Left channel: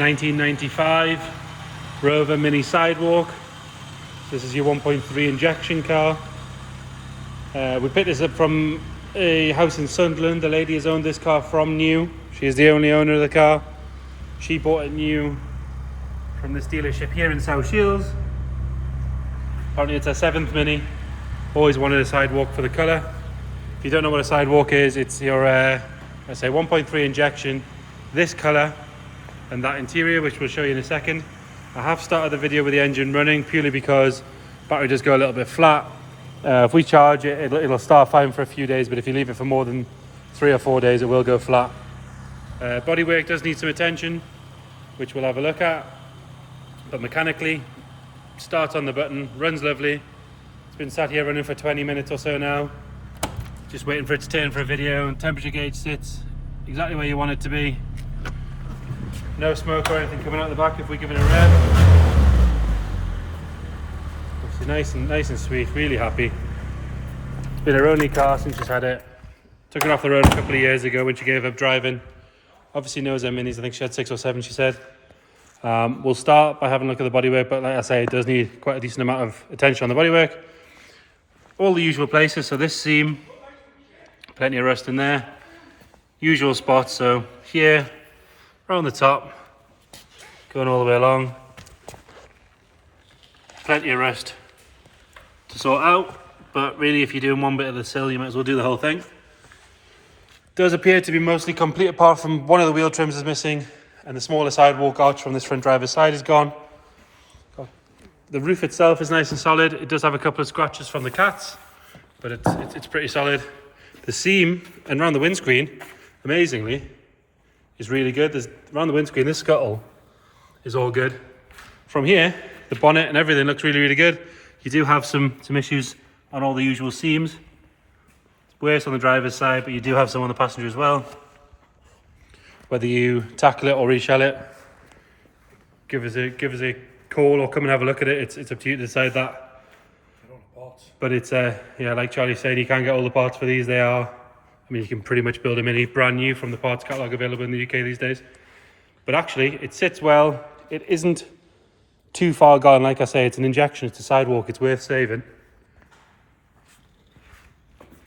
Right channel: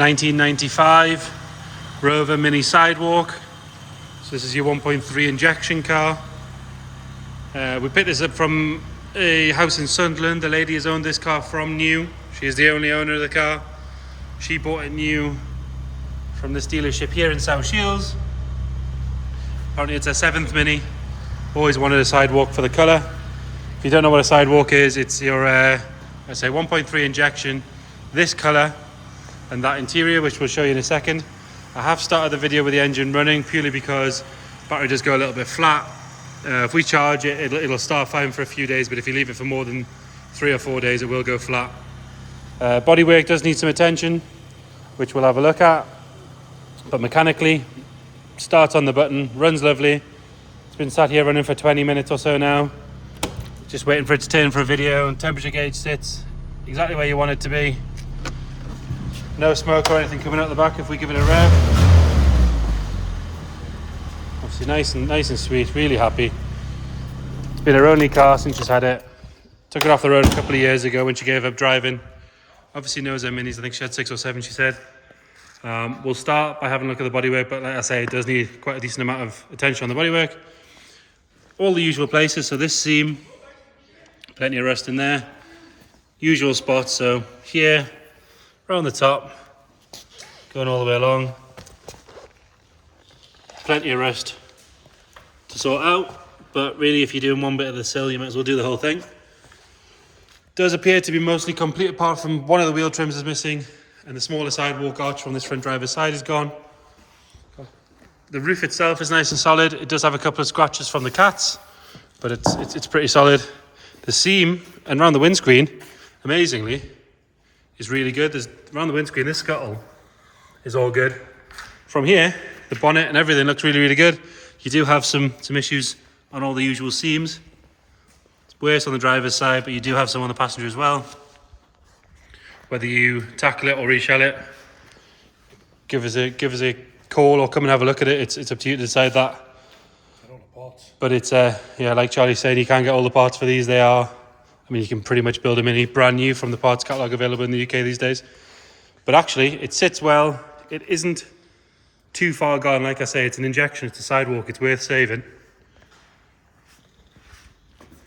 1995 Rover Mini Sidewalk. So this is your 1.3 injection car. We picked this up from a house in Sunderland. The lady has owned this car from new. She is the only owner of the car. She bought it new from this dealership here in South Shields. Apparently it's her 7th Mini. Always wanted a Sidewalk for the colour. If you don't know what a Sidewalk is, it's your let's say 1.3 injection, this colour and that interior, which we'll show you in a second. I have started the video with the engine running purely because battery does go a little bit flat. If we charge it, it'll start fine for a few days, but if you leave it for more than 3 or 4 days, it will go flat. Bodywork does need some attention, which we'll have a look at. But mechanically, starts on the button, runs lovely. It's been sat here running for 20 minutes or so now. Just waiting for it to turn for a video, and temperature gauge sits exactly where you want it to be. No smoke or anything coming out the back if we give it a rev. Obviously nice and sweet, really happy. It's been her only car since she's had it. Took it off the road a couple of years ago when she gave up driving. Obviously knows her minis, I think she had 6 or 7 she said. We'll start by having a look at the bodywork, but like I say, it does need quite a decent amount of attention on the bodywork. All the usual places, so this seam, plenty of rust in there. Usual spots, so here, around the top, going all the way along. Plenty of rust to sort out, but really if you're doing one bit of the sill, you might as well do the whole thing. Does appear to be mostly complete apart from one of the wheel trims is missing, and the smaller Sidewalk arch from this front driver's side is gone. The roof itself is nice and solid. It does have a couple of scratches from the cats, but it's pretty solid. The seam and around the windscreen, amazingly, is really good. There's around the windscreen, this scuttle is all good. From here, the bonnet and everything looks really good. You do have some issues on all the usual seams. It's worse on the driver's side, but you do have some on the passenger as well. Whether you tackle it or reshell it, give us a call or come and have a look at it. It's up to you to decide that. But it's yeah, like Charlie said, you can't get all the parts for these. I mean, you can pretty much build a Mini brand new from the parts catalogue available in the UK these days. But actually, it sits well. It isn't too far gone. Like I say, it's an injection, it's a Sidewalk, it's worth saving.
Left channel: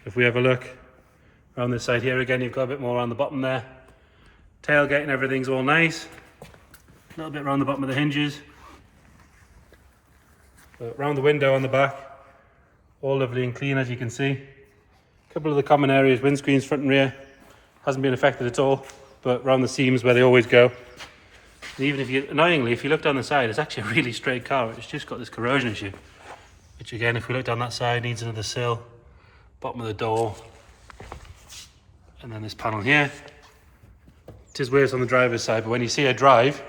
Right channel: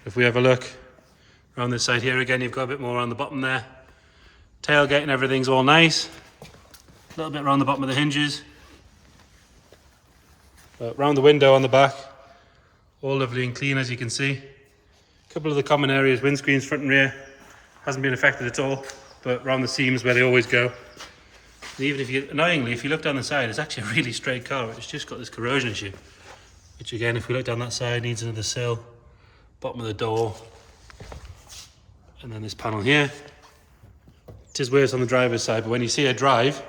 If we have a look around this side here again, you've got a bit more on the bottom there. Tailgate and everything's all nice. A little bit around the bottom of the hinges. But around the window on the back, all lovely and clean as you can see. A couple of the common areas, windscreens front and rear, hasn't been affected at all, but around the seams where they always go. And even if you, annoyingly, if you look down the side, it's actually a really straight car. It's just got this corrosion issue, which again, if we look down that side, needs another sill, bottom of the door, and then this panel here. It is worse on the driver's side, but when you see it drive,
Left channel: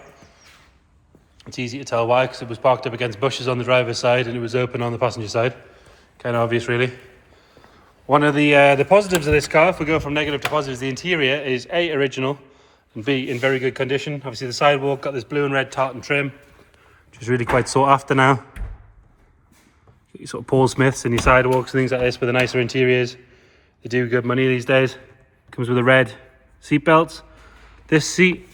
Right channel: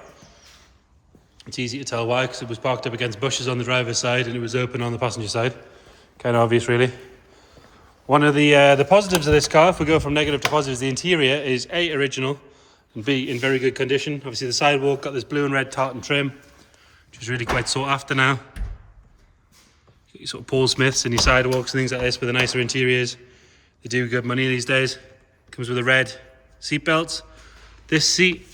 it's easy to tell why, because it was parked up against bushes on the driver's side and it was open on the passenger side. Kind of obvious, really. One of the positives of this car, if we go from negative to positive, the interior is A, original, and B, in very good condition. Obviously the Sidewalk got this blue and red tartan trim, which is really quite sought after now. Your sort of Paul Smiths and your Sidewalks and things like this with the nicer interiors. They do good money these days. Comes with a red seat belt. This seat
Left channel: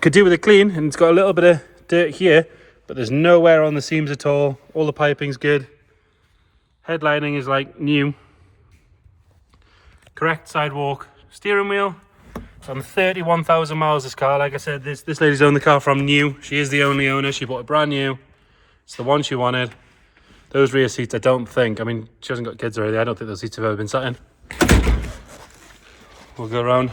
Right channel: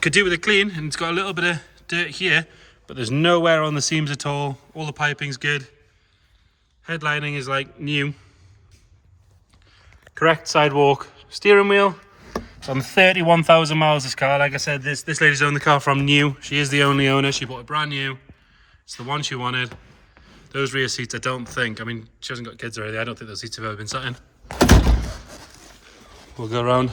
could do with a clean, and it's got a little bit of dirt here, but there's no wear on the seams at all. All the piping's good. Headlining is like new. Correct Sidewalk steering wheel. It's on 31,000 miles this car. Like I said, this lady's owned the car from new. She is the only owner. She bought it brand new. It's the one she wanted. Those rear seats, I don't think, I mean, she hasn't got kids or anything. I don't think those seats have ever been sat in. We'll go around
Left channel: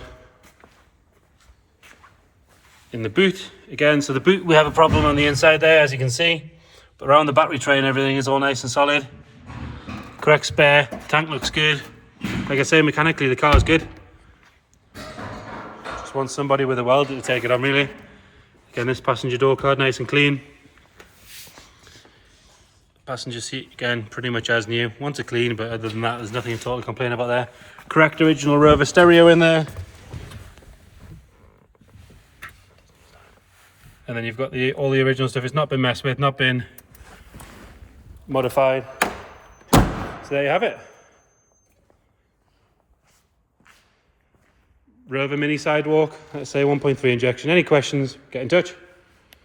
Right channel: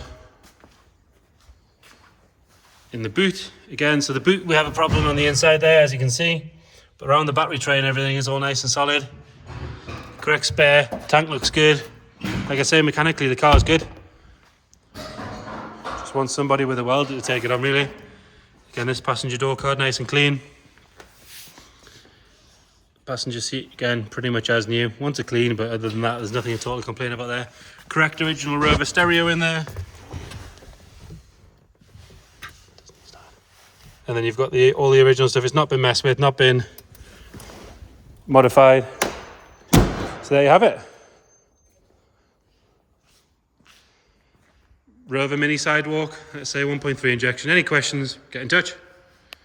in the boot again. So the boot, we have a problem on the inside there, as you can see, but around the battery tray and everything is all nice and solid. Correct spare, tank looks good. Like I say, mechanically the car is good. Just want somebody with a welder to take it on, really. Again, this passenger door card, nice and clean. Passenger seat, again, pretty much as new. Wants a clean, but other than that, there's nothing at all to complain about there. Correct original Rover stereo in there. And then you've got all the original stuff. It's not been messed with, not been modified. So there you have it. Rover Mini Sidewalk, let's say 1.3 injection. Any questions, get in touch.